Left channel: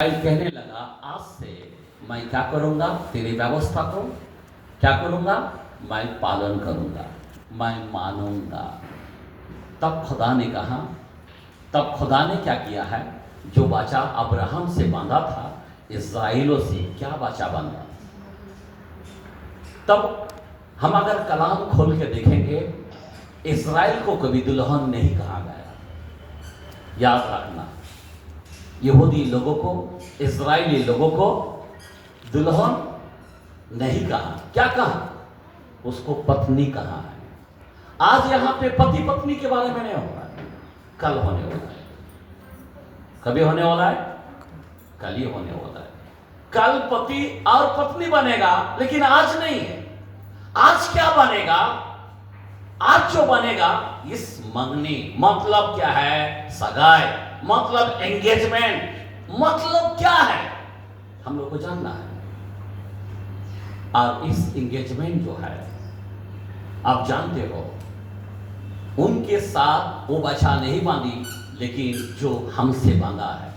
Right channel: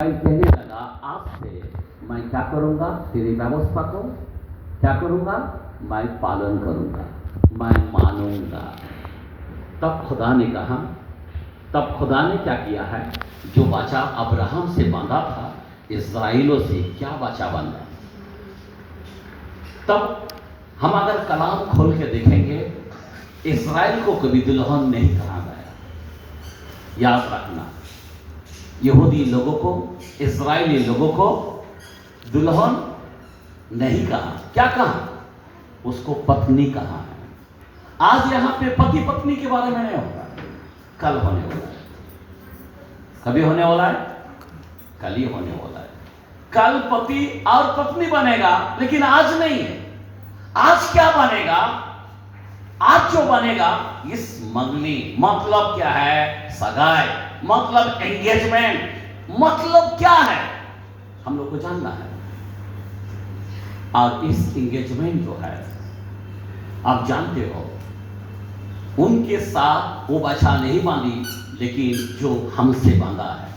कहने लगा, आज से मैं क्या करूँगा, तेरी व्यवस्था को क्या करूँगा, मैं पालन करूँगा, मैं मानूंगा। तब खुदा ने कहा, तब खुदा ने क्या किया है, जो वाचा अब्राहम से बांधा था, इस्राएलियों से क्या वाचा बांधा। तब हम अगर कलाम खोल के देखेंगे, इस्राएल को कभी दुल्हन नहीं कहा गया। याद रखना, यहूदी लोगों को, इस्राएली लोगों को दुल्हन नहीं कहा। क्या कहा? उसको पत्नी कहा है। आज यहां पे पति पत्नी के बारे में नहीं होगा, कल होने वाला है। कभी होने वाला है? कल ही होने वाला है। कल पति और पत्नी बनेगा, लेकिन आज नहीं है। आज क्या बनेगा? आज जो बनेगा, इस मंगनी मतलब क्या है, सगाई मतलब एंगेजमेंट मतलब क्या है, हम लोग को जानना है। और इस एंगेजमेंट जो है, आप जानते हो, उनके साथ वो बचा नहीं बांधी, लेकिन जो हमसे बांधा है।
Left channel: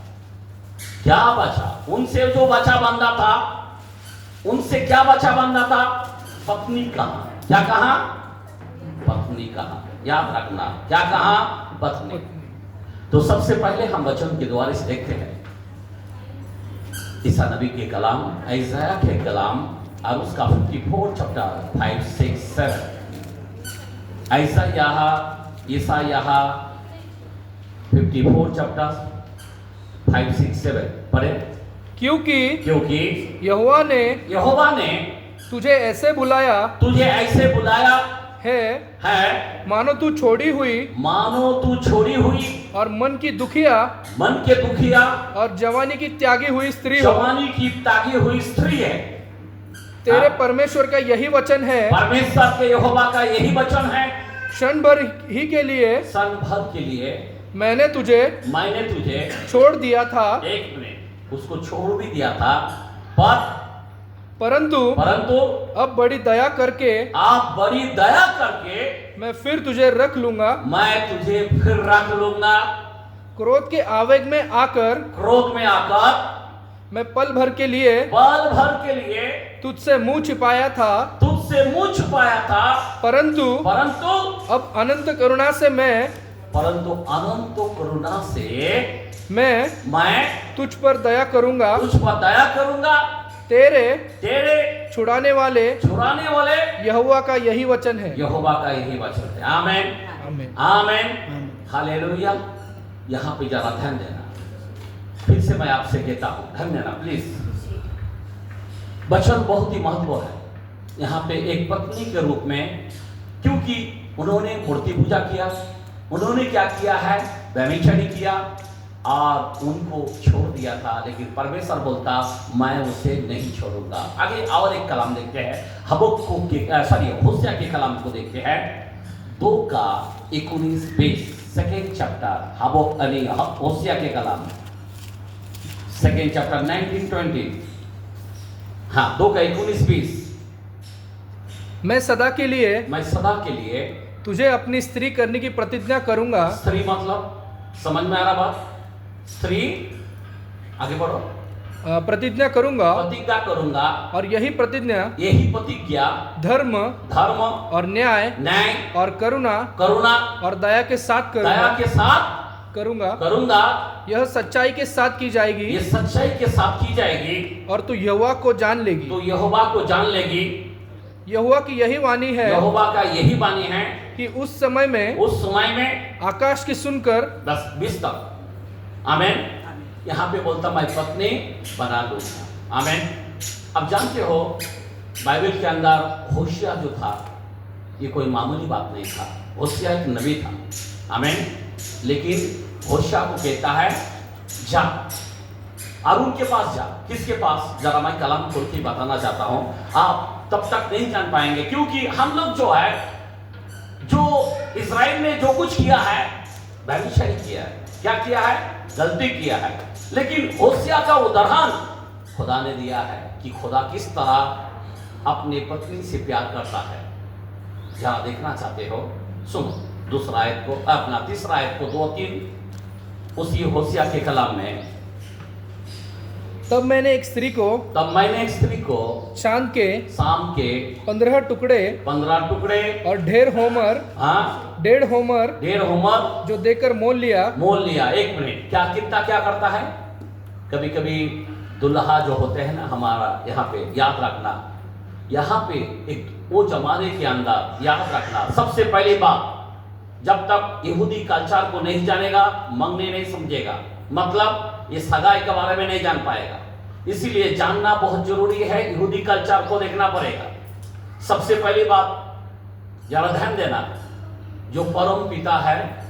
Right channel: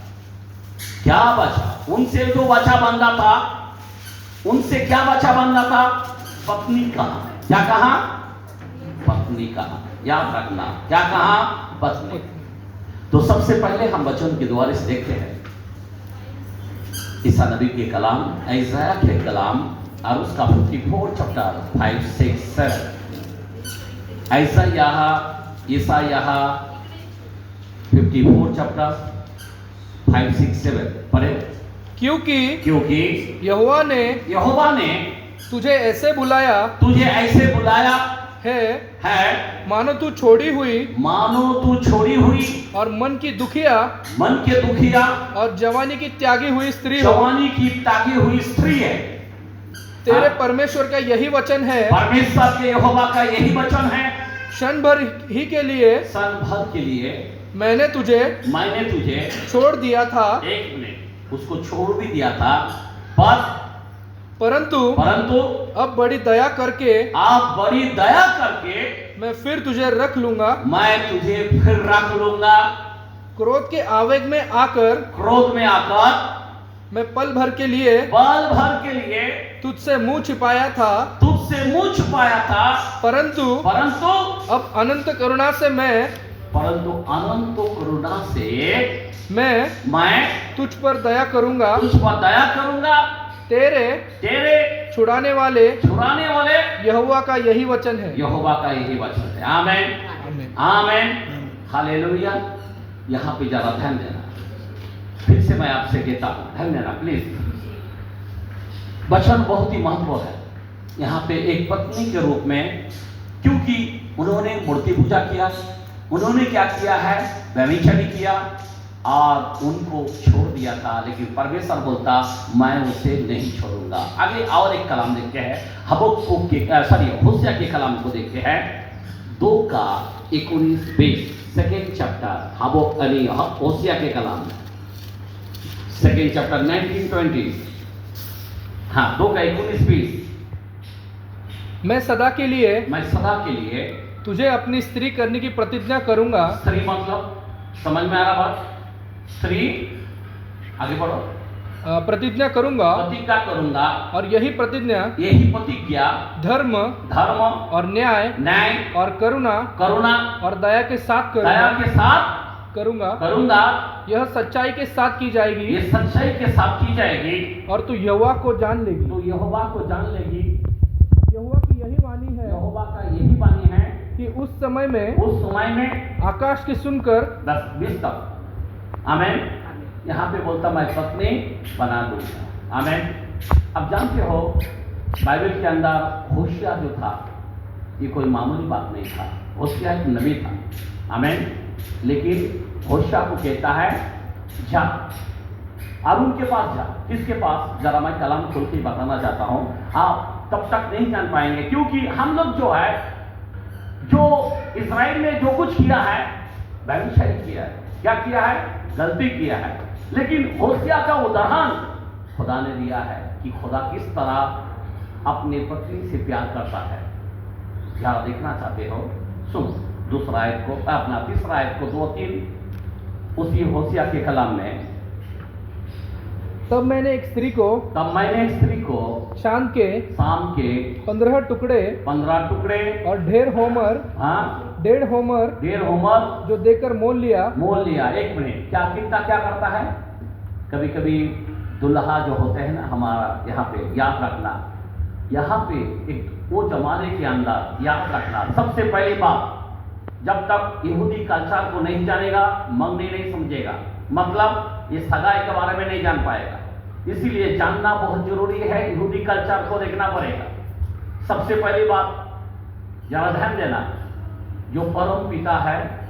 क्या बचा? उनसे जो बचा बांधा था, उनसे क्या बचा बांधा था? पत्नी कहा। क्या कहा? पत्नी कहा। याद रखना, क्या कहा? पत्नी। तो सबसे पहले हम वचन के द्वारा से देखते हैं ईसा नबी के कलाम, ऐसाया के कलाम, और उसका 54 चैप्टर 5, 6, 7। ऐसा यहाँ 54 चैप्टर 5, 6, 7 पढ़े। क्योंकि यहोवा ने तुझे ऐसे बुलाया है मानो तू छोड़ी हुई और मन की दुखिया और जवानी की त्यागी हुई स्त्री है। तेरे परमेश्वर का यही वचन है, परमेश्वर के यहोवा का यही वचन है। क्षण भर के लिए मैंने तुझे छोड़ दिया था। एक मिनट, उसको छोड़ भी दिया था, परंतु अब बड़ी दया करके मैं फिर तुझे रख लूंगा। क्रोध के आवेग में आकर मैं पल भर के लिए तुझसे मुंह छिपाया था, परंतु अब अनंत करुणा से मैं तुझ पर दया करूंगा। तेरे छुड़ाने वाले यहोवा का यही वचन है। आमेन। हालेलुया। यहाँ पे जरा ध्यान देना, फिर से मैं आपसे कहता हूँ, ध्यान देना प्लीज। वचन बहुत ही महत्व है यहाँ पे एक पत्नी के रूप में, क्योंकि उन्होंने मूर्ति पूजा किया, उन्होंने क्या किया है, व्यभिचारी किया और उनको छोड़ दिया था। लेकिन परमेश्वर बोलता, मैं उसे नहीं छोड़ूंगा। आगे और एक कलाम देखते हैं, होशिया के कलाम को देखते हैं, 2:19-20 सेकेंड चैप्टर, होशिया के कलाम, सेकेंड चैप्टर 19-20। हाँ, 2:19-20। मैं सदा के लिए तुझे अपनी स्त्री करने की प्रतिज्ञा करूंगा। स्त्री मतलब समझ में आ रहा बात? स्त्री, आगे बढ़ो। प्रतिज्ञा करूंगा और यही प्रतिज्ञा धर्म और न्याय और करुणा और दया के साथ करूंगा। यह सच्चाई के साथ की जाएगी और तू यहोवा को जान लेगी। यहोवा की यही वाणी है कि उस समय में आकाश की सुनकर 10-20 तक। आमेन। यहाँ पे बोलता, मैं पत्नी बना दूंगा। आमेन। अब जानते हो, बाइबल के अंदर होशिया जो था, ये कोई मामूली बात नहीं था। होशिया एक नबी था। आमेन। लेकिन होशिया को कहता है, जा और उनके पास जा। किसके पास? जरा मैं कलाम खोल के बताना चाहता हूँ, आप तब तक नहीं जान पाएंगे, क्योंकि हम लोग जो इस्राएल ने जो कुछ किया है, व्यभिचारी किया है। क्या किया है? गलती किया है। लेकिन होशिया का उदाहरण खुदा ने दिया है कि खुदा किस तरह अपने पत्नी से प्यार करता है। जरा देखना चाहते हो, सुनो तीसरा आयत को 2-3 उसी होशिया के कलाम में तब मैंने एक स्त्री को शाम के 15 टुकड़े 15 टुकड़े और डेढ़ होमर जो देकर मोल लिया। एक मिनट, कितना क्या करता है? कभी कभी दुल्हा जो होते हैं ना, हमारा यहाँ पे याद रखना, यहाँ पे एक वो जमाने के अंदर याद रखना, सबसे पहली बात, जब तक यहूदी कल्चर को नहीं जानेगा, मंगनी नहीं समझेगा, मतलब ये सगाई के बारे में नहीं जान पाएगा। इसीलिए जानना बहुत जरूरी है, यहूदी कल्चर को देखना पड़ेगा। सबसे पहली बात जरा ध्यान देना, जो परम पिता है,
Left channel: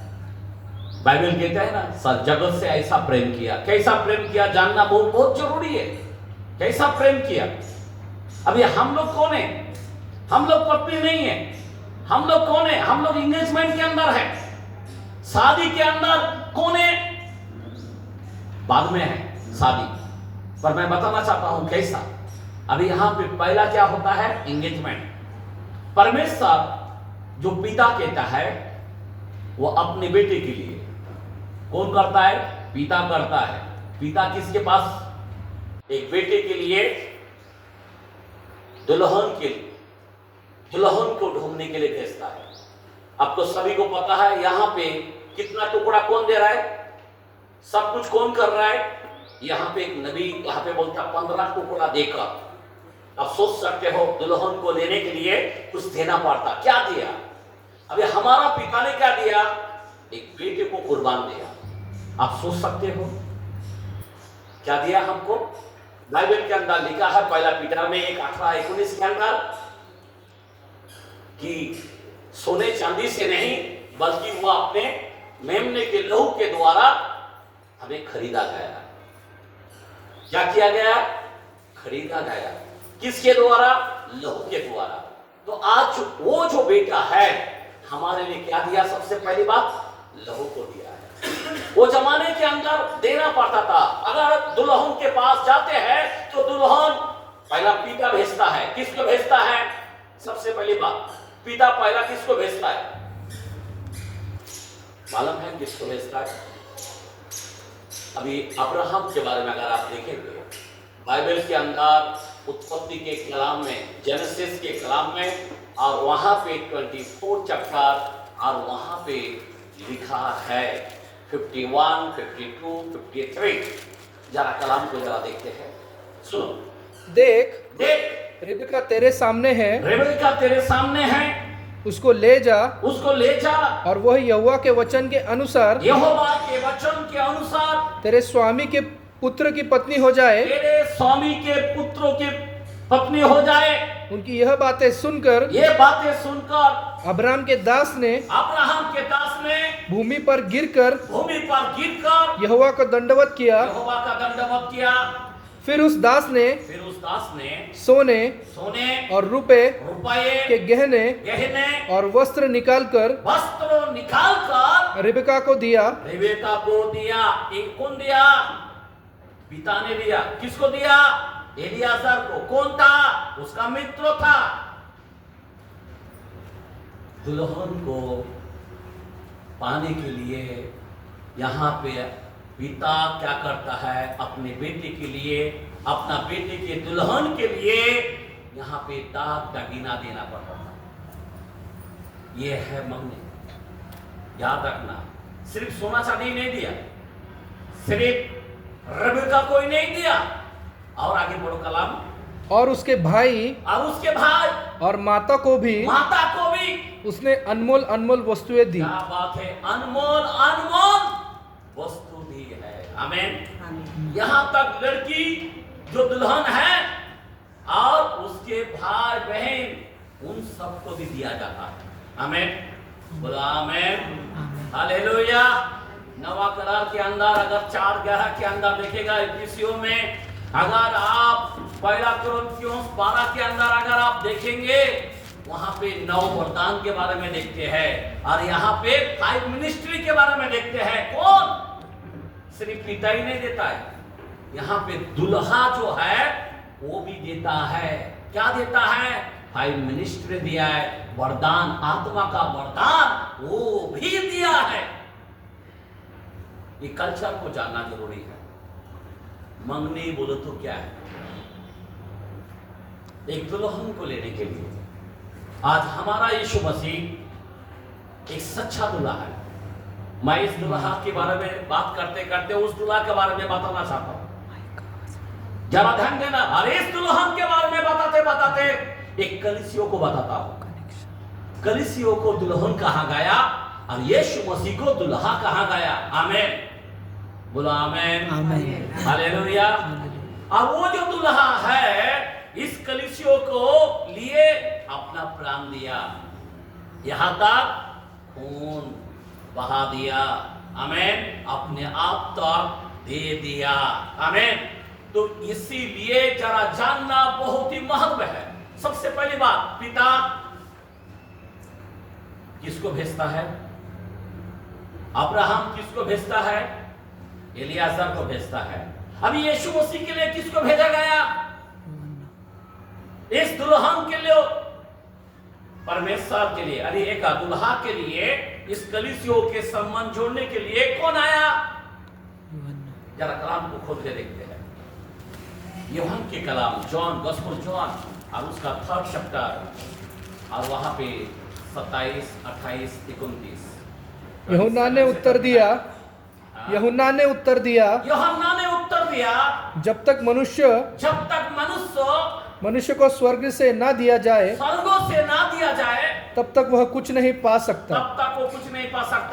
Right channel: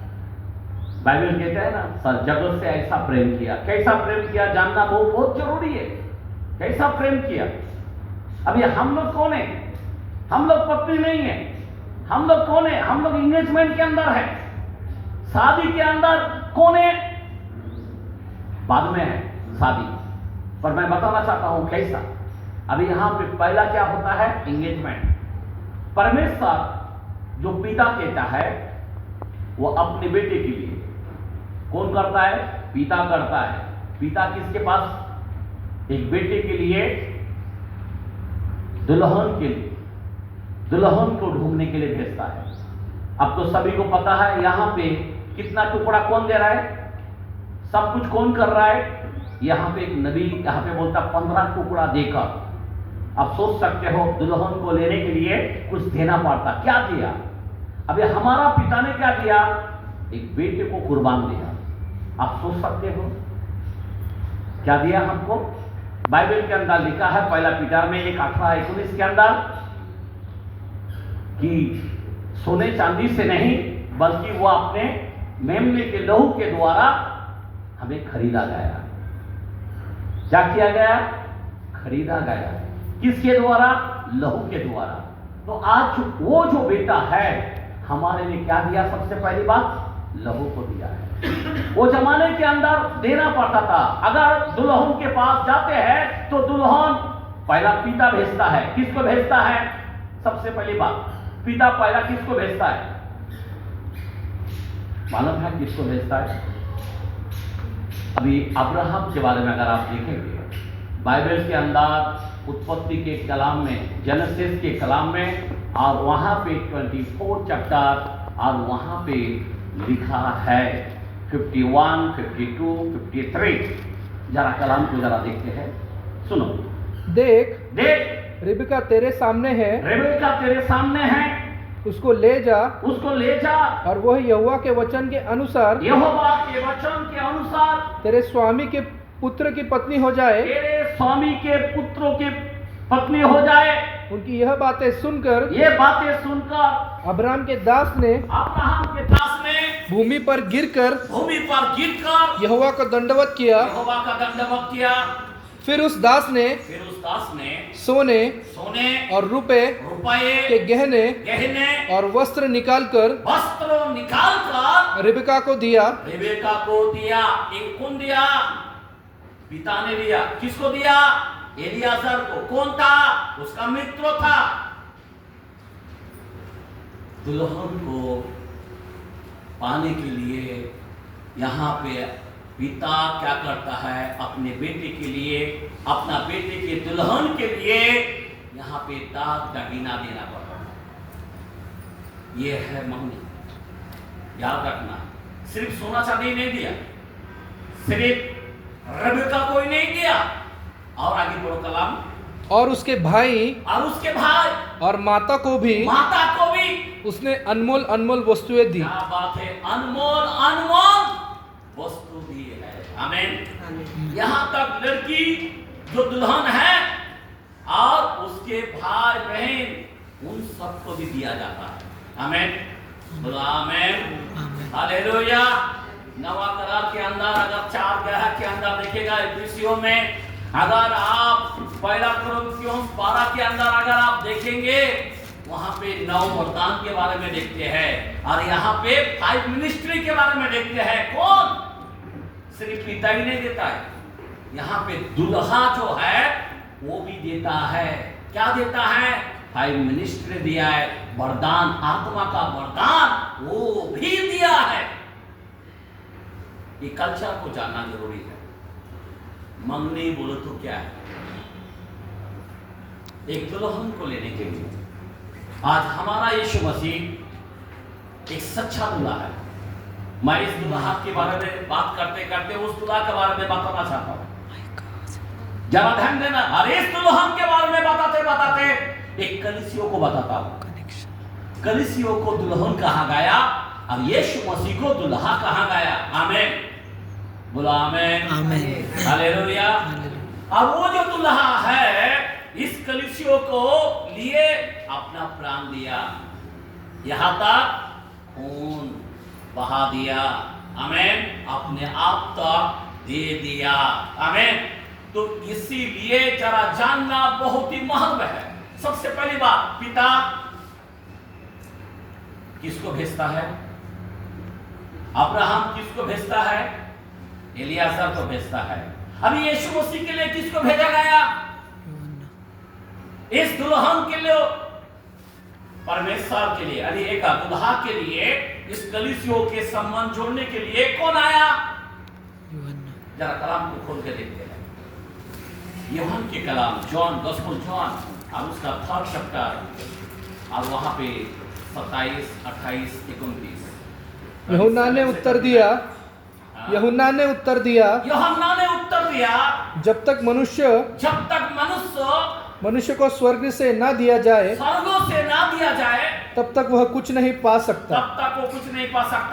बाइबल कहता है ना, सर जगत से ऐसा प्रेम किया। कैसा प्रेम किया जानना बहुत बहुत जरूरी है। कैसा प्रेम किया? अभी हम लोग कौन है? हम लोग पत्नी नहीं है। हम लोग कौन है? हम लोग एंगेजमेंट के अंदर है, शादी के अंदर कौन है? बाद में है शादी, पर मैं बताना चाहता हूं कैसा। अभी यहां पे पहला क्या होता है? एंगेजमेंट। परमेश्वर जो पिता कहता है वो अपने बेटे के लिए कौन करता है? पिता करता है। पिता किसके पास? एक बेटे के लिए, दुल्हन को ढूंढने के लिए भेजता है। आपको सभी को पता है यहां पे कितना टुकड़ा कौन दे रहा है? सब कुछ कौन कर रहा है? यहाँ पे एक नबी यहाँ पे बोलता 15 टुकड़ा देकर। आप सोच सकते हो दुल्हन को लेने के लिए कुछ देना पड़ता। क्या दिया? अभी हमारा पिता ने क्या दिया? एक बेटे को कुर्बान दिया। आप सोच सकते हो क्या दिया हमको? बाइबल के अंदर लिखा है पहला पीटर में 1:18-19 के अंदर कि सोने चांदी से नहीं, बल्कि वो अपने मेमने के लहू के द्वारा हमें खरीदा गया। क्या किया गया? खरीदा गया। किसके द्वारा? लहू के द्वारा। तो आज वो जो बेटा है हमारे लिए क्या दिया? सबसे पहली बात लहू को दिया है। वो जमाने के अंदर देना पड़ता था। अगर दुल्हन के पास जाते हैं तो दुल्हन पहला पिता भेजता है। किसको भेजता है? सबसे पहली बात पिता पहला किसको भेजता है? मालूम है किसको भेजता है? अभी अब्राहम के बारे में अगर आप देखेंगे बाइबल के अंदर उत्पत्ति के कलाम में, जेनेसिस के कलाम में, और वहां पे 24 चैप्टर और वहां पे लिखा है 51, 52, 53। जरा कलाम को जरा देखते हैं, सुनो। देख रिबका तेरे सामने है, उसको ले जा और वह यहोवा के वचन के अनुसार तेरे स्वामी के पुत्र की पत्नी हो जाए। उनकी यह बातें सुनकर अब्राहम के दास ने भूमि पर गिरकर यहोवा को दंडवत किया। फिर उस दास ने सोने और रुपए के गहने और वस्त्र निकालकर रिबका को दिया। कौन दिया? पिता ने दिया। किसको दिया? एलियाजर को। कौन था? उसका मित्र था। दुल्हन को पाने के लिए यहाँ पे पिता क्या करता है? अपने बेटे के लिए, अपना बेटे के दुल्हन के लिए यहाँ पे दाग दगीना देना पड़ता है। ये है मंगनी। याद रखना, सिर्फ सोना चांदी नहीं दिया, सिर्फ रिबका को ही नहीं दिया, और आगे बोलो कलाम, और उसके भाई और माता को भी उसने अनमोल अनमोल वस्तुएं दी। क्या बात है! अनमोल वस्तु दी है। आमीन। यहाँ तक लड़की जो दुल्हन है और उसके भाई बहन उन सबको भी दिया जाता है। आमीन। बोला आमीन। हालेलुया। नवा करार के अंदर अगर 4 ग्रह के अंदर देखेगा एफिसियों में, अगर आप पहला कुरिन्थियों 12 के अंदर अगर आप देखेंगे वहां पे 9 वरदान के बारे में देखते हैं, और यहाँ पे 5 मिनिस्ट्री के बारे में देखते हैं। कौन? सिर्फ पिता ही नहीं देता है, यहाँ पे दुल्हा जो है वो भी देता है। क्या देता है? 5 मिनिस्ट्री दिया है, वरदान, आत्मा का वरदान वो भी दिया है। ये कल्चर को जानना जरूरी है। मंगनी बोलो तो क्या है? एक दुल्हन को लेने के लिए आज हमारा यीशु मसीह एक सच्चा दूल्हा है। मैं इस दूल्हा के बारे में बात करते करते उस दूल्हा के बारे में बताना चाहता हूँ। जरा ध्यान देना। अरे इस दुल्हन के बारे में बताते बताते एक कलीसियों को बताता हूँ। कलीसियों को दुल्हन कहा गया और यीशु मसीह को दूल्हा कहा गया। आमीन बोलो आमीन। आमीन। हालेलुया। अब वो जो दूल्हा है इस कलीसियों को लिए अपना प्राण दिया, यहां तक खून बहा दिया। आमीन। अपने आप तक दे दिया। आमीन। तो इसीलिए जरा जानना बहुत ही महत्व है। सबसे पहली बात, पिता किसको भेजता है? अब्राहम किसको भेजता है? एलियाजर को भेजता है। अभी यीशु मसीह के लिए किसको भेजा गया? इस दुल्हन के लिए, परमेश्वर के लिए, अरे एक दुल्हा के लिए इस कलीसियों के संबंध जोड़ने के लिए कौन आया? जरा कलाम को खोल के देखते हैं। यूहन्ना के कलाम, जॉन, गॉस्पेल जॉन और उसका 3rd चैप्टर और वहां पे 27, 28, 29। यूहन्ना ने उत्तर दिया, यूहन्ना ने उत्तर दिया, जब तक मनुष्य मनुष्य को स्वर्ग से ना दिया जाए, तब तक वह कुछ नहीं पा सकता।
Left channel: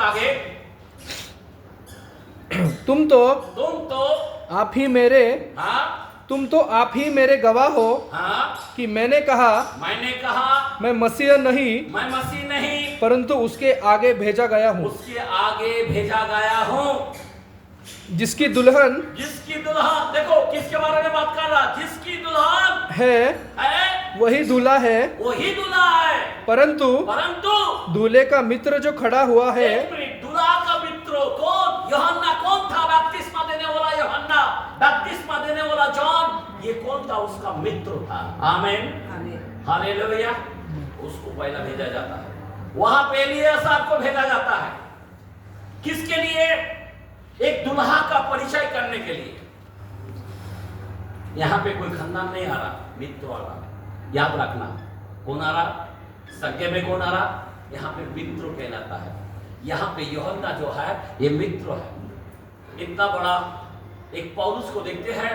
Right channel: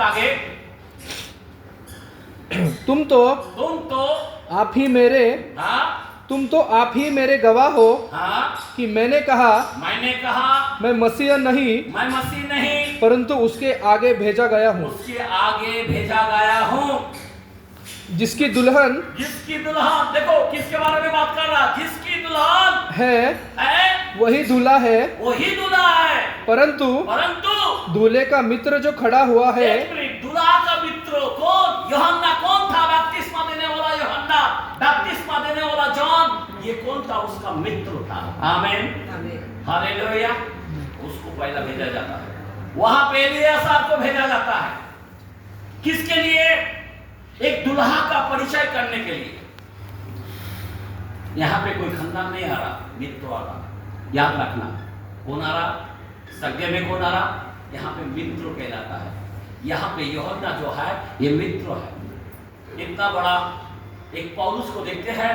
आगे तुम तो आप ही मेरे तुम तो आप ही मेरे गवाह हो कि मैंने कहा मैं मसीह नहीं परंतु उसके आगे भेजा गया हूँ। जिसकी दुल्हन देखो किसके बारे में बात कर रहा? जिसकी दुल्हन है वही दूल्हा है। परंतु दूल्हे का मित्र जो खड़ा हुआ है, दूल्हा का मित्र कौन? यूहन्ना कौन था? बपतिस्मा देने वाला यूहन्ना, बपतिस्मा देने वाला जॉन, ये कौन था? उसका मित्र था। आमीन हालेलुया। उसको पहला भेजा जाता है, वहां पे एलियाजर को भेजा जाता है। किसके लिए? एक दुल्हा का परिचय करने के लिए। यहां पे कोई खानदान नहीं आ रहा, मित्र वाला, याद रखना। कौन आ रहा? सगे में कौन आ रहा? यहाँ पे मित्र कहलाता है। यहाँ पे यूहन्ना जो है ये मित्र है। इतना बड़ा एक पौलुस को देखते हैं,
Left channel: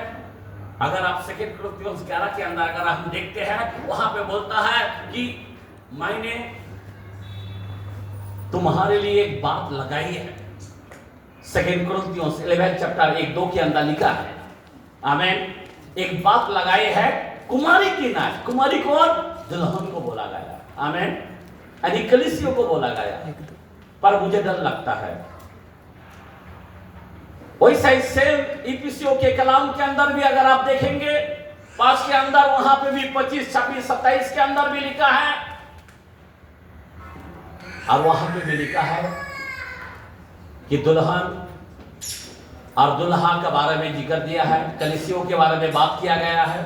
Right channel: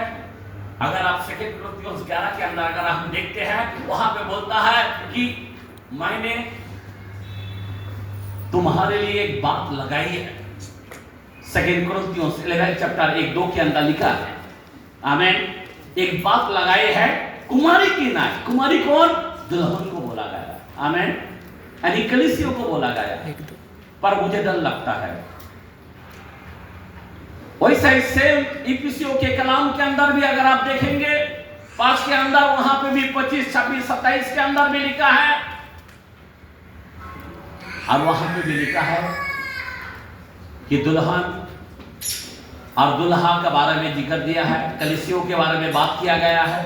अगर आप 2 कोरिन्थियों 11 के अंदर अगर हम देखते हैं, वहां पे बोलता है कि मैंने तुम्हारे लिए एक बात लगाई है। 2 कोरिन्थियों 11 चैप्टर 1-2 के अंदर लिखा है। आमीन। एक बात लगाई है कुमारी की ना। कुमारी कौन? दुल्हन को बोला गया। आमीन। यानी कलीसियों को बोला गया। पर मुझे डर लगता है वैसा ही सेम इफिसियों के कलाम के अंदर भी अगर आप देखेंगे 5 के अंदर, वहां पे भी 25, 26, 27 के अंदर भी लिखा है और वहां पे भी लिखा है कि दुल्हन और दुल्हा के बारे में जिक्र दिया है। कलीसियों के बारे में बात किया गया है।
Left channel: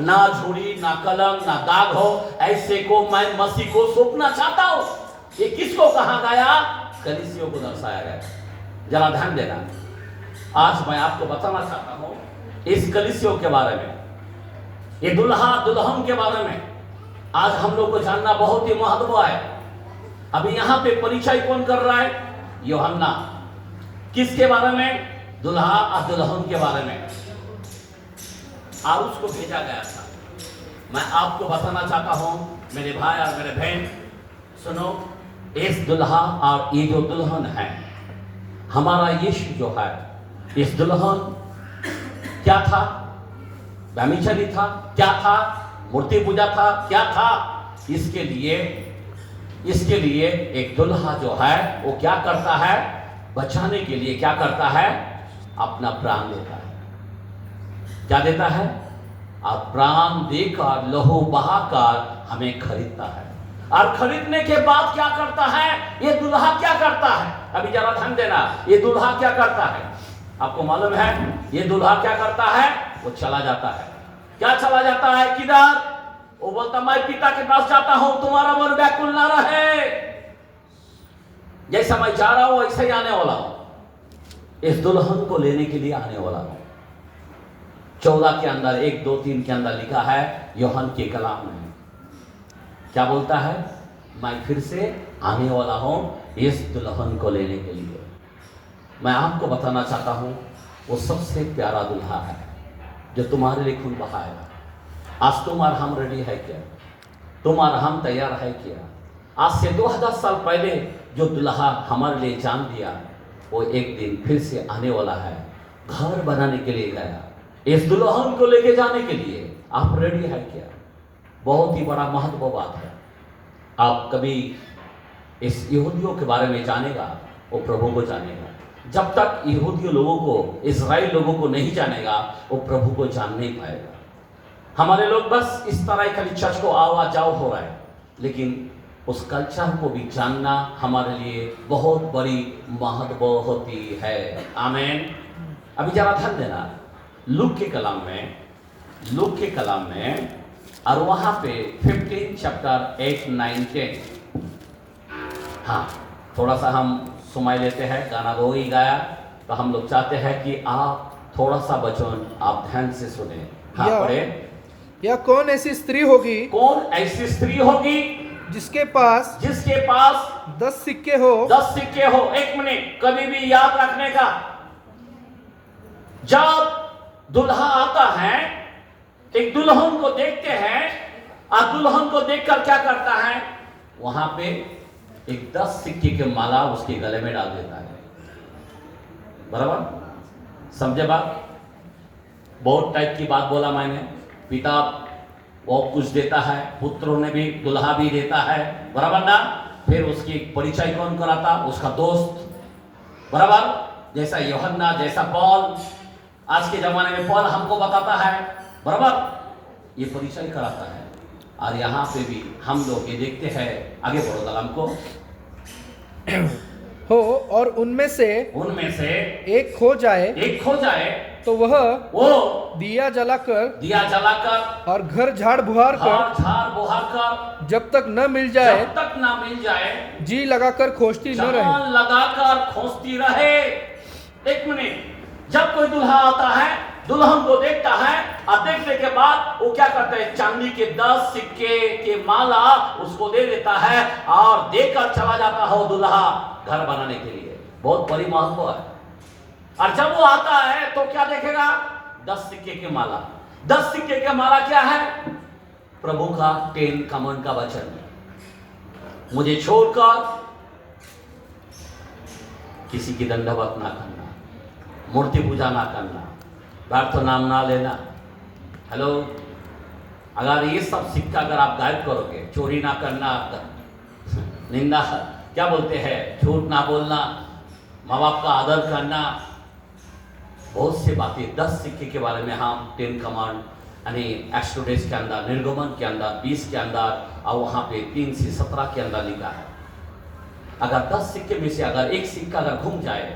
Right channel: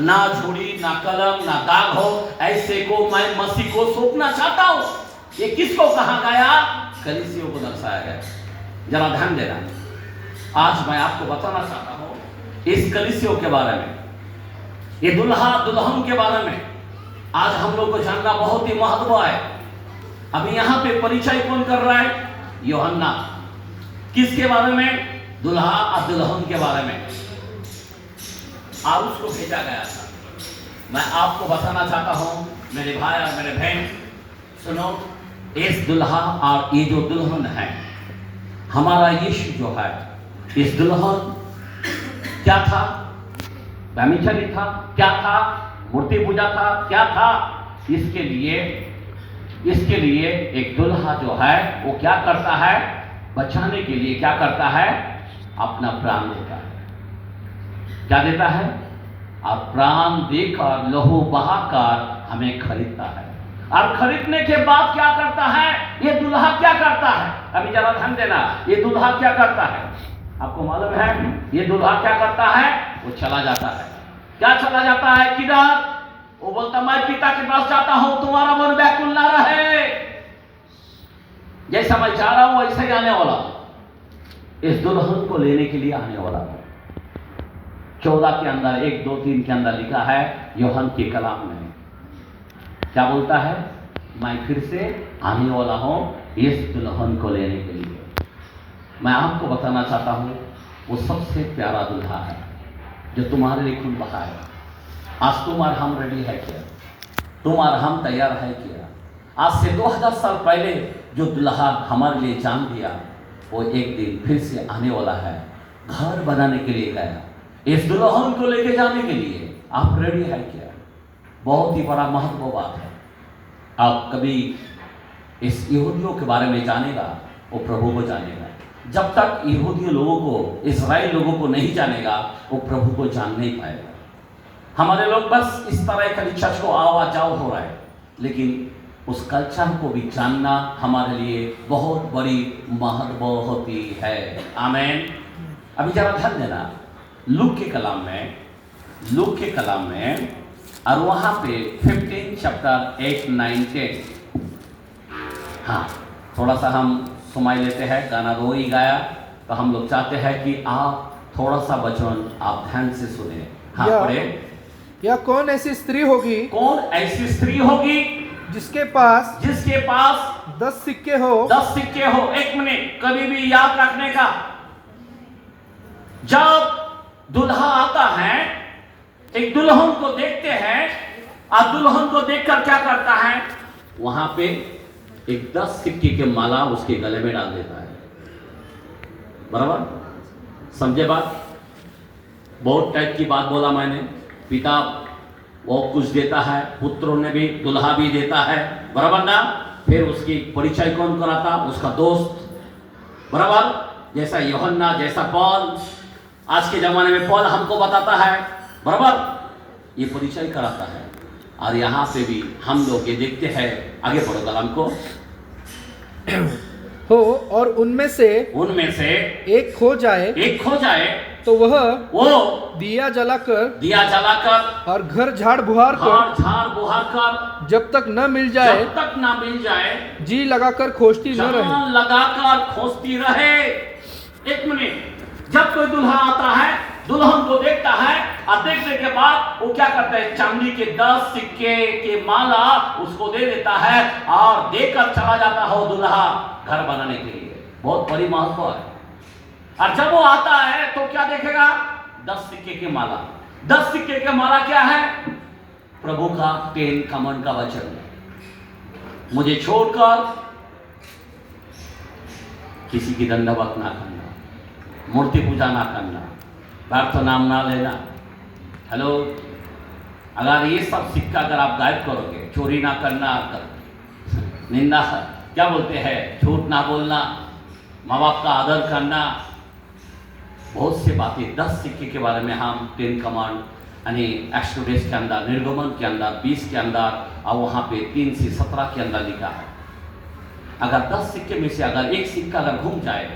ना झूठी, ना कलम, ना दाग हो, ऐसे को मैं मसीह को सौंपना चाहता हूं। ये किसको कहा गया? कलीसियों को दर्शाया गया। जरा ध्यान देना। आज मैं आपको बताना चाहता हूं इस कलीसियों के बारे में, ये दुल्हा दुल्हन के बारे में आज हम लोग को जानना बहुत ही महत्व है। अभी यहां पे परिचय कौन कर रहा है? यूहन्ना। किसके बारे में? दुल्हा और दुल्हन के बारे में। और उसको भेजा गया था। मैं आपको बताना चाहता हूं मेरे भाई और मेरे बहन, सुनो, इस दुल्हा और ये जो दुल्हन है, हमारा यीशु जो है, इस दुल्हन क्या था? व्यभिचारी था? क्या था? मूर्ति पूजा था? क्या था? इसके लिए एक दुल्हा जो है वो क्या करता है? बचाने के लिए क्या करता है? अपना प्राण देता है। क्या देता है? और प्राण देकर, लहू बहाकर हमें खरीदता है। और खरीदने के बाद क्या करता है? ये दुल्हा क्या करता है? अभी जरा ध्यान देना। ये दुल्हा क्या करता है? आपको मालूम है ये दुल्हा क्या करता है? वो चला जाता है। क्या चला जाता है? किधर? वो बोलता मैं पिता के पास जाता हूं, तुम्हारा मन व्याकुल ना रहे। जैसा मैं जा रहा हूं वैसा ही आने वाला हूं। इस दुल्हन को लेने के लिए आने वाला हूं। 14 के अंदर 1, 2, 3 के अंदर लिखा है यूहन्ना के कलाम में क्या बोलता है, मैं फिर से आने वाला हूँ इस दुल्हन को लेने के लिए। मैं आपको बताना चाहता हूँ वो सबसे प्यारा दुल्हा है जो तुम्हारे लिए खून बहाएगा। आज तुम और हम रेडी है क्या? तुम और हम तैयार है क्या? आज से 2000 साल पहले जो दुल्हा हमारे लिए जान दिया वो एक दिन फिर से आने वाला है, घर बनाने के लिए गया, इस दुल्हन को लेके जाने के लिए। आप रेडी है क्या? बहुत ही बड़ा महत्वपूर्ण बात है। आप कभी इस यहूदियों के बारे में जानेगा वो प्रभु को जानेगा। जब तक यहूदी लोगों को, इजराइल लोगों को नहीं जानेगा वो प्रभु को जान नहीं पाएगा। हमारे लोग बस इस तरह खाली चर्च को आवा जाओ हो रहा है, लेकिन उस कल्चर को भी जानना हमारे लिए बहुत बड़ी महत्व होती है। आमीन। अभी जरा ध्यान देना लूक के कलाम में और वहाँ पे 15 चैप्टर 8, 9, 10। हाँ, थोड़ा सा हम समय लेते हैं, गाना दो ही गाया तो हम लोग चाहते हैं कि आप थोड़ा सा वचन आप ध्यान से सुने। हाँ पढ़े। या कौन ऐसी स्त्री होगी, कौन ऐसी स्त्री होगी जिसके पास 10 सिक्के हो। 10 सिक्के हो। एक मिनट कभी भी याद रखने का, जब दुल्हा आता है एक दुल्हन को देखते हैं और दुल्हन को देखकर क्या करता है, वहां पे एक 10 सिक्के के माला उसके गले में डाल देता है। बराबर समझे बात? बहुत टाइप की बात बोला मैंने। पिता वो कुछ देता है, पुत्रों ने भी, दुल्हा भी देता है, बराबर ना। फिर उसकी परिचय कौन कराता? उसका दोस्त, बराबर। जैसा यूहन्ना, जैसा पौल, आज के जमाने में पौल हमको बताता है, बराबर, ये परिचय कराता है। और यहाँ पे भी हम लोग ये देखते हैं, आगे बढ़ो कलाम को, हो और उनमें से एक खो जाए तो वह दिया जलाकर और घर झाड़ बुहार कर जब तक न मिल जाए जी लगाकर खोजती रहे। एक मिनट, जब कोई दुल्हा आता है, दुल्हन को देखता है और देखने के बाद वो क्या करता है, चांदी के 10 सिक्के के माला उसको दे देता है और देकर चला जाता हो दुल्हा घर बनाने के लिए। बहुत बड़ी महत्व है। और जब वो आता है तो क्या देखेगा? 10 सिक्के के माला। 10 सिक्के के माला क्या है? प्रभु का 10 कमांड का वचन। मुझे छोड़कर किसी की दंडवत ना करना, मूर्ति पूजा ना करना, व्यर्थ नाम ना लेना। हेलो, अगर ये सब सिक्का अगर आप गायब करोगे, चोरी ना करना, निंदा क्या बोलते हैं, झूठ ना बोलना, माँ बाप का आदर करना, बहुत सी बातें 10 सिक्के के बारे में हम 10 कमांड यानी एक्सोडस के अंदर, निर्गमन के अंदर 20 के अंदर और वहाँ पे 3 से 17 के अंदर लिखा है। अगर 10 सिक्के में से अगर एक सिक्का अगर घूम जाए,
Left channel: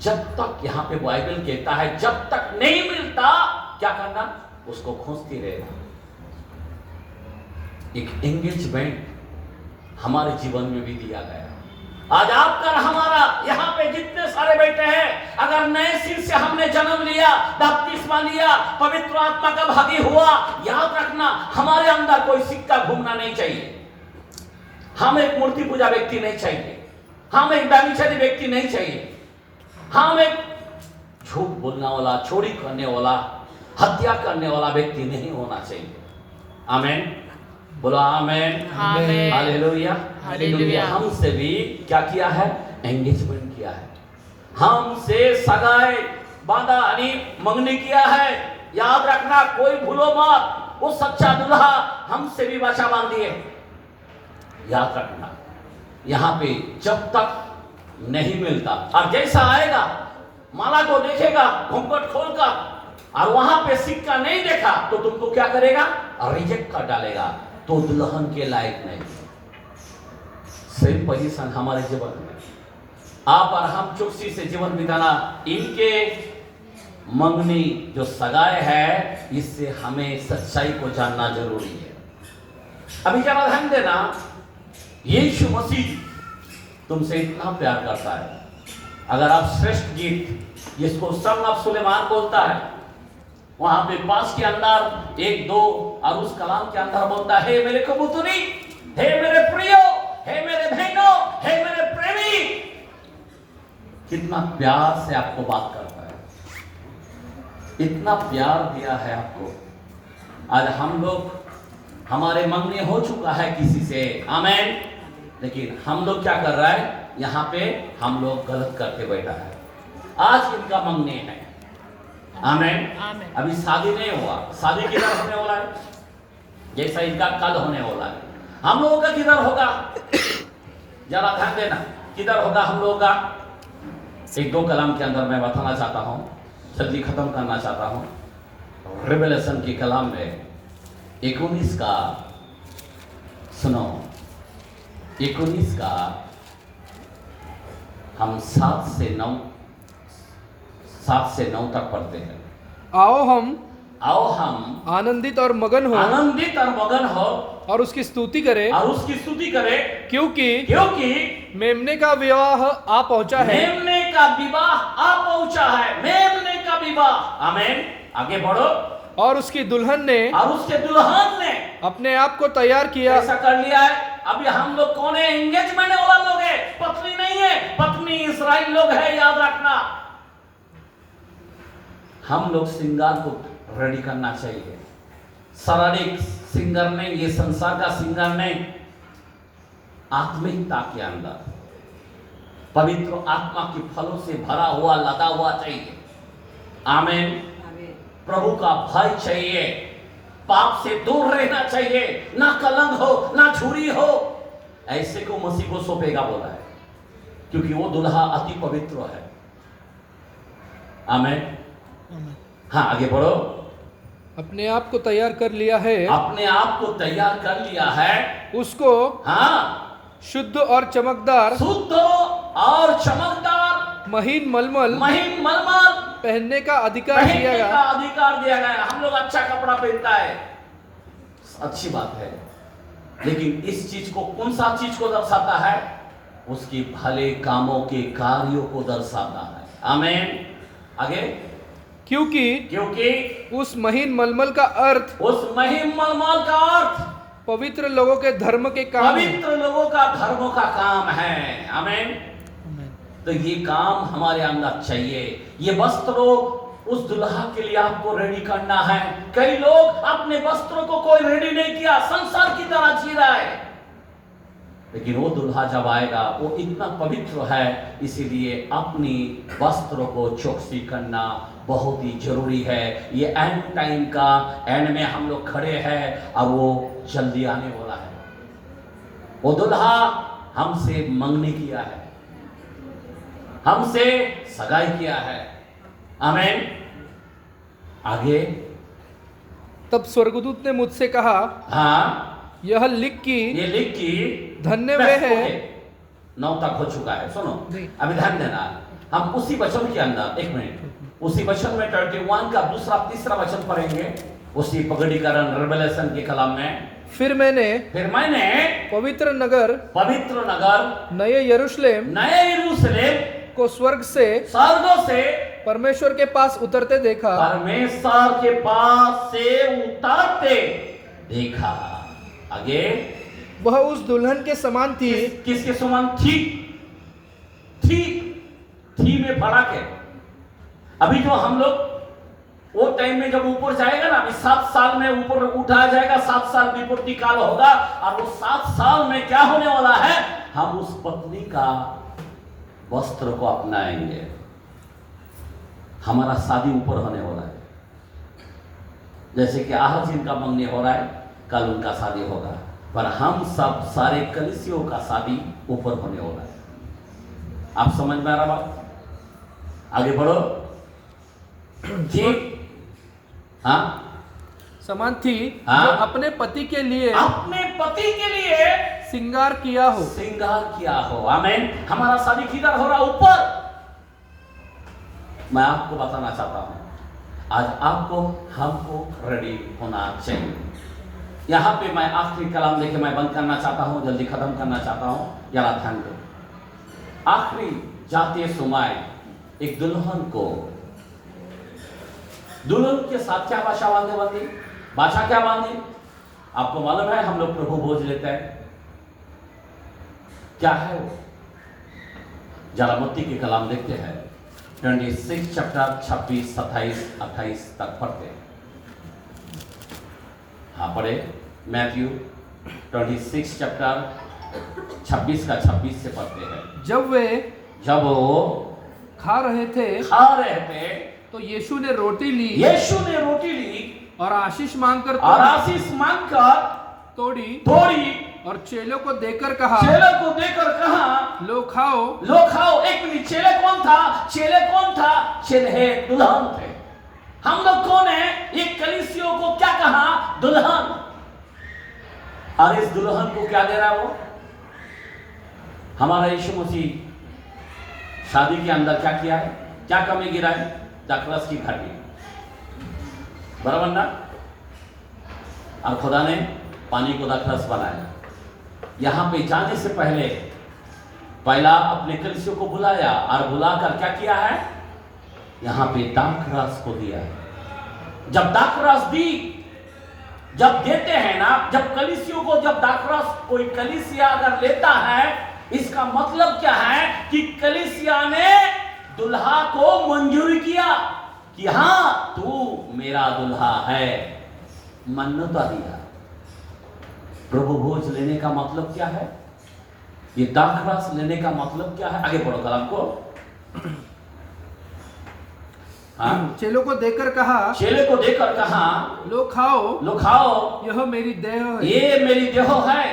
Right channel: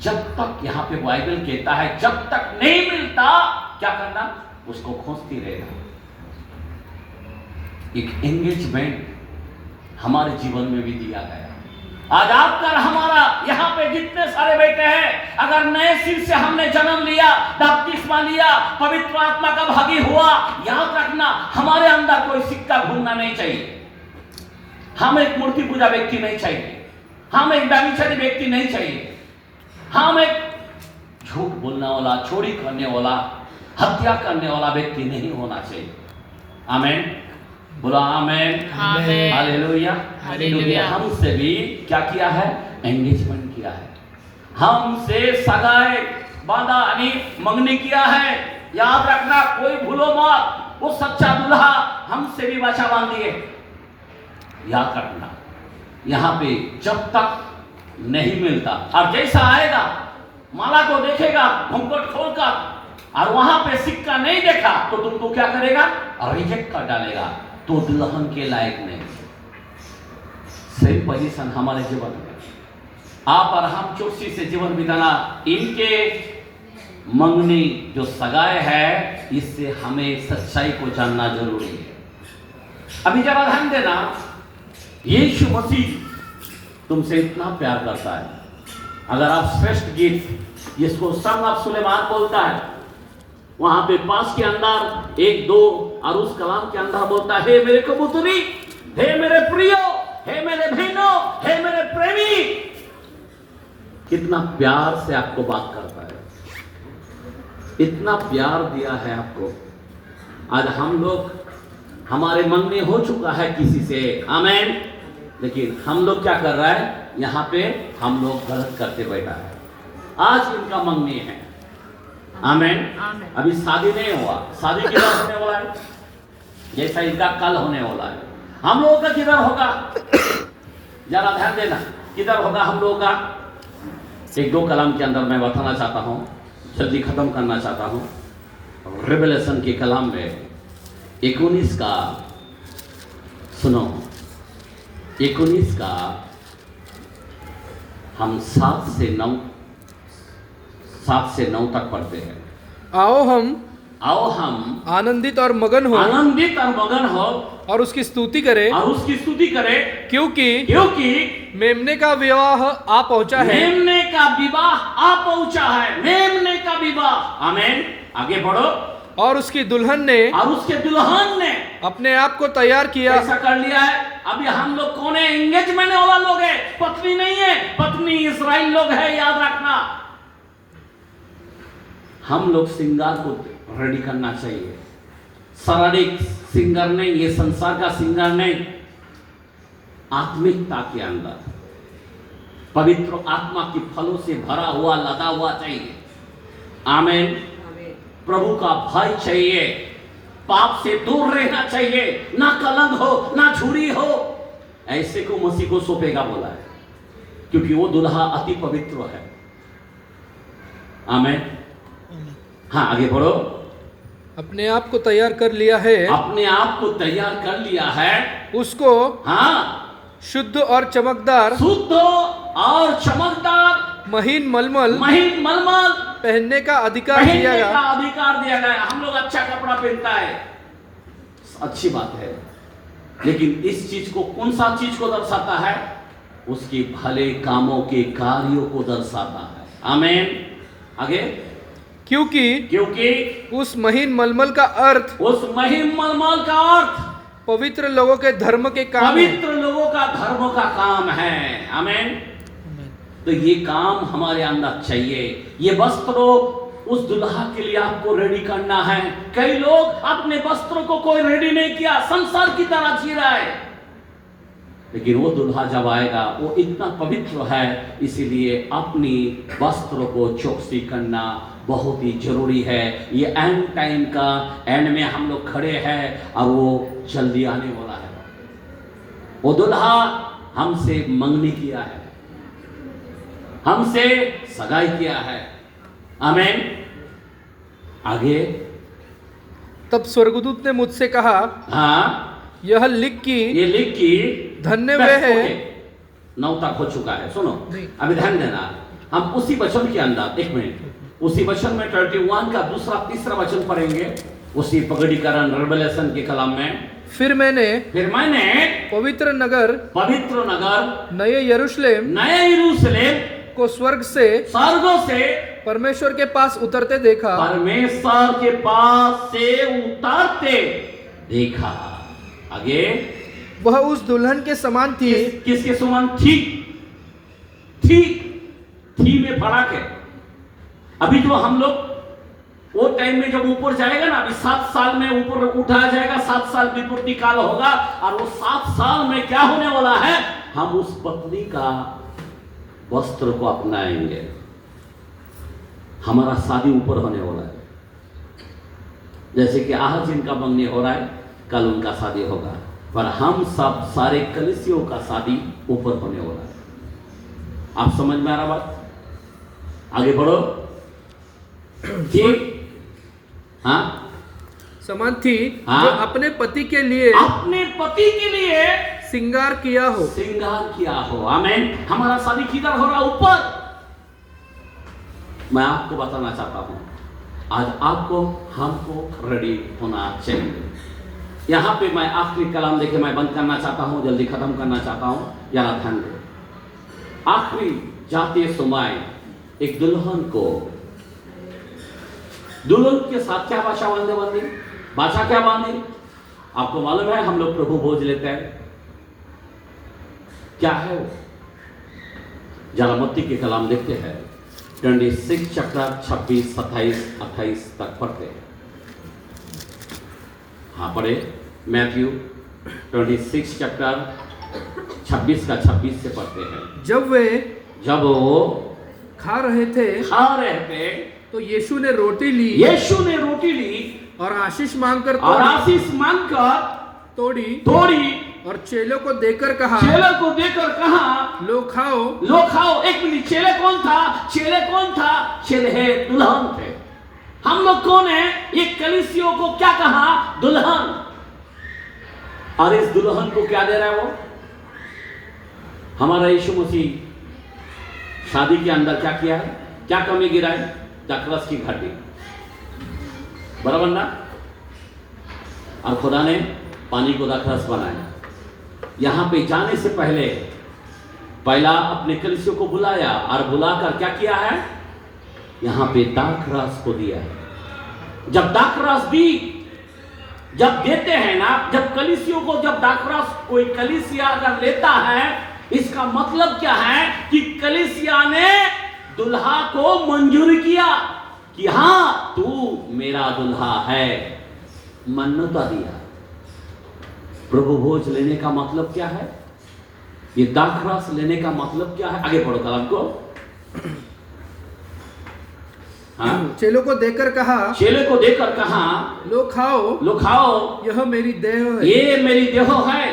जब तक यहाँ पे बाइबल कहता है जब तक नहीं मिलता क्या करना, उसको खोजती रहना। एक एंगेजमेंट हमारे जीवन में भी दिया गया। आज आपका हमारा यहाँ पे जितने सारे बैठे हैं, अगर नए सिर से हमने जन्म लिया, बपतिस्मा लिया, पवित्र आत्मा का भागी हुआ, याद रखना हमारे अंदर कोई सिक्का घूमना नहीं चाहिए। हम एक मूर्ति पूजा व्यक्ति नहीं चाहिए, हम एक व्यभिचारी व्यक्ति नहीं चाहिए, हम एक झूठ बोलने वाला, चोरी करने वाला, हत्या करने वाला व्यक्ति नहीं होना चाहिए। आमीन, बोला आमीन, हालेलुया, हालेलुया। हमसे भी क्या किया है? एंगेजमेंट किया है, हमसे सगाई बांधा यानी मंगनी किया है। याद रखना, कोई भूलो मत, वो सच्चा दुल्हा हमसे भी वाचा बांध दिए। याद रखना, यहाँ पे जब तक नहीं मिलता और जैसा आएगा माला को देखेगा घूंघट खोलकर और वहां पे सिक्का नहीं देखा तो तुमको क्या करेगा? रिजेक्ट कर डालेगा, तो दुल्हन के लायक नहीं। सेम पोजीशन हमारे जीवन में, आप और हम चौकसी से जीवन बिताना, इनके मंगनी जो सगाई है, इससे हमें सच्चाई को जानना जरूरी है। अभी जरा ध्यान देना, यीशु मसीह तुमसे इतना प्यार करता है। अगर आप श्रेष्ठ गीत जिसको संग ऑफ सुलेमान बोलता है, वहां पे पास के अंदर 1-2 और उस कलाम के अंदर बोलता है, हे मेरे कबूतरी, हे मेरे प्रियो, हे मेरे बहनों, हे मेरे प्रेमी। कितना प्यार से आपको बात करता है, इतना प्यार दिया है आपको। आज हम लोग, हमारे मंगनी हो चुका है किसी से, आमेन, लेकिन हम लोग क्या कर रहा है, यहां पे हम लोग गलत करके बैठा है। आज इनका मंगनी है, आमेन। अभी शादी नहीं हुआ, शादी किधर होने वाला है, जैसा इनका कल होने वाला है। हम लोगों का किधर होगा, जरा ध्यान देना, किधर होगा हम लोगों का। 1-2 कलाम के अंदर मैं बताना चाहता हूं, जल्दी खत्म करना चाहता हूं। रिवेलेशन के कलाम में 19 का सुनो, 19 का हम 7 से 9 तक पढ़ते हैं। आओ हम आनंदित और मगन हो और उसकी स्तुति करें, क्योंकि मेमने का विवाह आ पहुंचा है। मेमने का विवाह, आमेन। आगे बढ़ो। और उसके दुल्हन ने अपने आप को तैयार किया। ऐसा कर लिया है। अभी हम लोग कौन है, एंगेजमेंट वाला लोग है, पत्नी नहीं है, पत्नी इस्राएल लोग है, याद रखना। हम लोग सिंगार को रेडी करना चाहिए, शारीरिक सिंगर नहीं, ये संसार का सिंगर नहीं, आत्मिकता के अंदर पवित्र आत्मा के फलों से भरा हुआ, लदा हुआ चाहिए, आमेन। प्रभु का भय चाहिए, पाप से दूर रहना चाहिए, ना कलंक हो, ना झूरी हो। ऐसे को मसीह को सौंपेगा बोला है, क्योंकि वो दुल्हा अति पवित्र है, आमेन। हाँ, आगे बढ़ो। अपने आप को तैयार कर लिया है, उसको शुद्ध और चमकदार महीन मलमल पहनने का अधिकार दिया गया। हम लोग अच्छा कपड़ा पहनता है, अच्छी बात है, लेकिन इस चीज को, कौन सा चीज को दर्शाता है, उसके भले कामों के कार्यों को दर्शाता है, आमेन। आगे, क्योंकि उस महीन मलमल का अर्थ पवित्र लोगों के धर्म के काम, का काम है, आमेन। तो ये काम हमारे अंदर चाहिए। ये वस्त्रों उस दुल्हा के लिए आपको रेडी करना है। कई लोग अपने वस्त्रों को कोई रेडी नहीं किया, संसार की तरह जी रहा है, लेकिन वो दुल्हा जब आएगा वो इतना पवित्र है, इसीलिए अपनी वस्त्रों को चौकसी करना बहुत ही जरूरी है। ये एंड टाइम का एंड में हम लोग खड़े हैं, अब वो जल्दी आने वाला है। वो दुल्हा हमसे मंगनी किया है, हमसे सगाई किया है, आमेन। आगे, तब स्वर्गदूत ने मुझसे कहा, यह लिख की धन्य वे हैं। 9 तक हो चुका है, सुनो अभी ध्यान देना। हम उसी वचन के अंदर, 1 मिनट, उसी वचन में 31 का 2-3 वचन पढ़ेंगे, उसी पगड़ीकरण रिवेलेशन के कलाम में। फिर मैंने पवित्र नगर नए यरूशलेम को स्वर्ग से परमेश्वर के पास उतरते देखा। आगे, वह उस दुल्हन के समान थी। किसके समान थी? थी में फर्क है। अभी जो हम लोग वो टाइम में जब ऊपर जाएगा ना, अभी 7 साल में ऊपर उठाया जाएगा, 7 साल विपूर्ति काल होगा, और वो 7 साल में क्या होने वाला है, हम उस पत्नी का वस्त्र को अपनाएंगे। हमारा शादी ऊपर होने वाला है, जैसे कि आज इनका मंगनी हो रहा है, कल उनका शादी होगा, पर हम सब सारे कलीसियों का शादी ऊपर होने वाला है। आप समझ में आ रहा बात? आगे बढ़ो। ठीक, समान थी, जो अपने पति के लिए श्रृंगार किया हो। आमेन। हमारा शादी किधर हो रहा? ऊपर। मैं आपको बताना चाहता हूं, आज आपको हमको रेडी होना चाहिए। यहां पे मैं आखिरी कलाम देके मैं बंद करना चाहता हूं, जल्दी खत्म करना चाहता हूं, यार ध्यान दो। आखिरी जाते समय एक दुल्हन को दुल्हन के साथ क्या भाषा बांधे भाषा क्या बांधे? आपको मालूम है हम लोग प्रभु भोज लेते हैं, क्या है वो? जरा मत्ती के कलाम देखते हैं 26 चैप्टर 26, 27, 28 तक पढ़ते हैं। हाँ पढ़े, मैथ्यू 26 चैप्टर 26 का 26 से पढ़ते हैं। जब वो खा रहे थे तो यीशु ने रोटी ली और आशीष मांगकर तोड़ी और चेलों को देकर कहा, लो खाओ। एक मिनट, चेले कौन था? चेले है दुल्हन थे। हम लोग कौन है? ये कलीसियों को क्या कहा? दुल्हन। और इस दुल्हन को क्या दे रहा है वो? हमारा यीशु मसीह शादी के अंदर क्या किया है? क्या कमी गिरा है? दाखरस की घाटी, बराबर ना? और खुदा ने पानी को दाखरस बनाया। यहां पे जाने से पहला अपने कलीसियों को बुलाया और बुलाकर क्या किया है? यहां पे दाखरस को दिया। जब दाखरस जब देते हैं ना, जब कलीसियों को जब दाखरस कोई कलीसिया अगर लेता है, इसका मतलब क्या है कि कलीसिया ने दुल्हा को मंजूर किया कि हां तू मेरा दुल्हा है, मान्यता दिया। प्रभु भोज लेने का मतलब क्या है? ये दाखरस लेने का मतलब क्या है? आगे पढ़ो कलाम को। चेलों को देकर कहा, लो खाओ, यह मेरी देह है। ये मेरी देह है।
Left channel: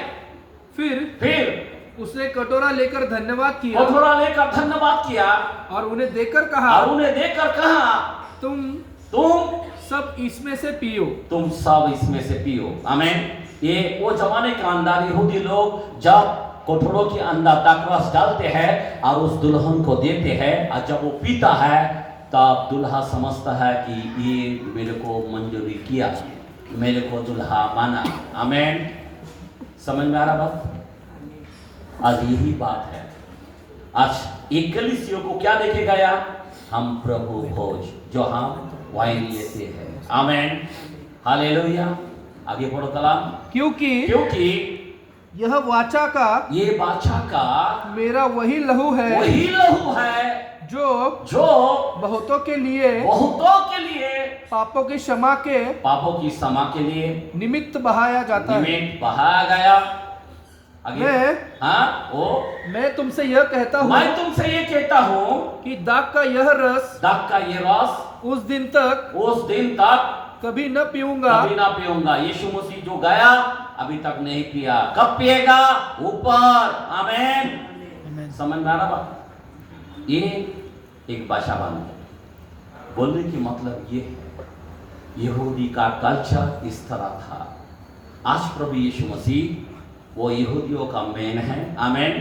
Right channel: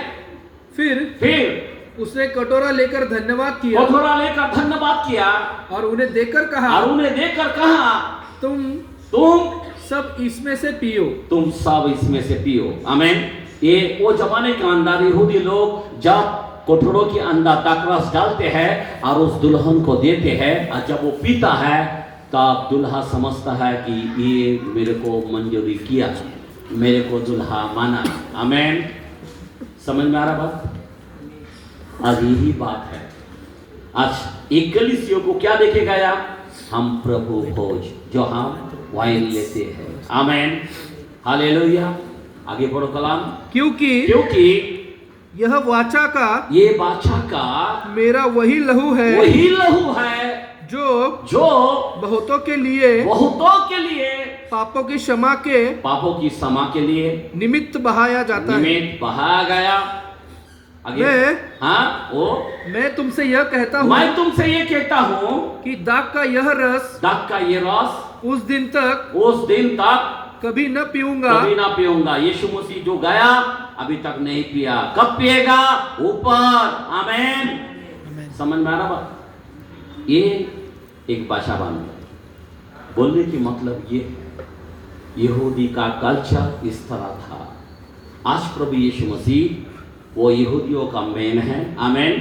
फिर उसने कटोरा लेकर धन्यवाद किया और उन्हें देकर कहा, तुम सब इसमें से पियो। आमीन। ये वो जमाने के अंदर यहूदी लोग जब कटोरों के अंदर दाखरस डालते हैं और उस दुल्हन को देते हैं, और जब वो पीता है तब दुल्हा समझता है कि ये मेरे को मंजूरी किया, मेरे को दुल्हा माना। आमीन। समझ में आ रहा बात? आज यही बात है। आज एक कलीसियों को क्या देखे गया? हम प्रभु भोज जो हम वाइन लेते हैं। आमीन, हालेलुया। आगे पढ़ो कलाम। क्योंकि यह वाचा का मेरा वही लहू है जो बहुतों के लिए पापों की क्षमा के लिए निमित्त बहाया जाता है। बहाया गया। मैं तुमसे यह कहता हूँ कि दाख का ये रस उस दिन तक कभी न पीऊंगा। यीशु मसीह जो गया अभी तक नहीं पिया, कब पिएगा? ऊपर। आमीन। समझ में आ रहा बात? ये एक भाषा बोलने की मतलब ये है, यहूदी का कल्चर इस तरह था। आज प्रभु यीशु मसीह वो यहूदियों का मेन है। आमीन।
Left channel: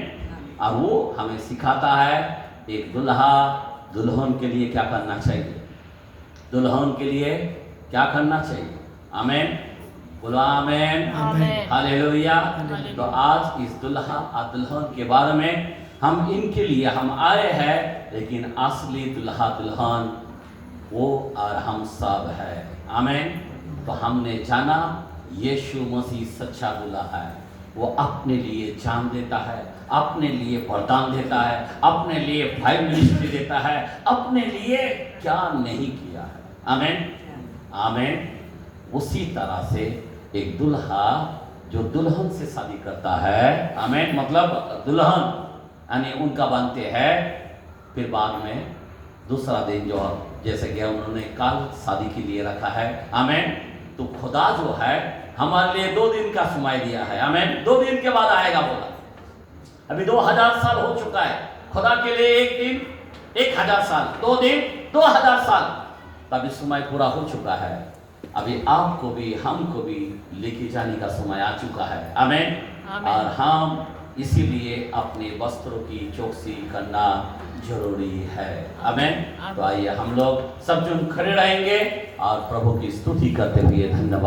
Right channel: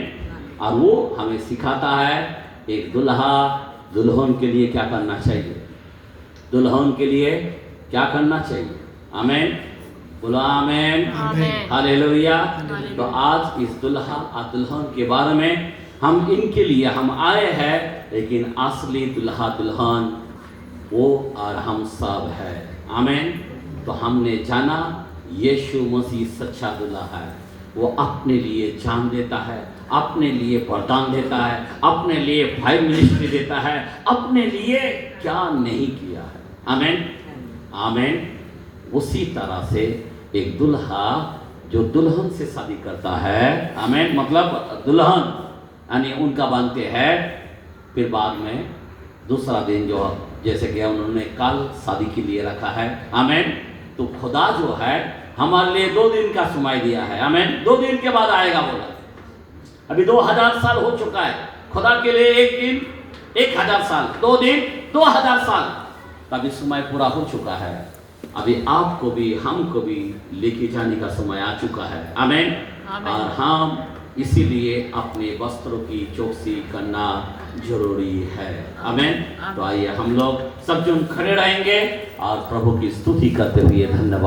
और वो हमें सिखाता है एक दुल्हन के लिए क्या करना चाहिए, दुल्हन के लिए क्या करना चाहिए। आमीन। बोलो आमीन, हालेलुया। तो आज इस दुल्हा और दुल्हन के बारे में हम इनके लिए हम आए हैं, लेकिन असली दुल्हा दुल्हन वो और हम सब है। आमीन। तो हमने जाना यीशु मसीह सच्चा दुल्हा है। वो अपने लिए जान देता है, अपने लिए वरदान देता है, अपने लिए भाई मिनिस्ट्री देता है, अपने लिए क्या नहीं किया है। आमीन। आमीन। उसी तरह से एक दुल्हा जो दुल्हन से शादी करता है, आमीन, मतलब दुल्हन यानी उनका बनते हैं, फिर बाद में दूसरा दिन जो जैसे कि उन्होंने कल शादी के लिए रखा है। आमीन। तो खुदा जो है हमारे लिए 2 दिन का समय दिया है। आमीन। 2 दिन के बाद आएगा बोला। अभी 2000 साल हो चुका है। खुदा के लिए एक दिन 1000 साल, 2 दिन 2000 साल। तभी समय पूरा हो चुका है। अभी आपको भी हमको भी लेके जाने का समय आ चुका है। आमीन। और हम इसीलिए अपने वस्त्रों की चौकसी करना जरूरी है। आमीन। तो आइए हम लोग सब जन खड़े रहेंगे और प्रभु की स्तुति करते हुए धन्यवाद।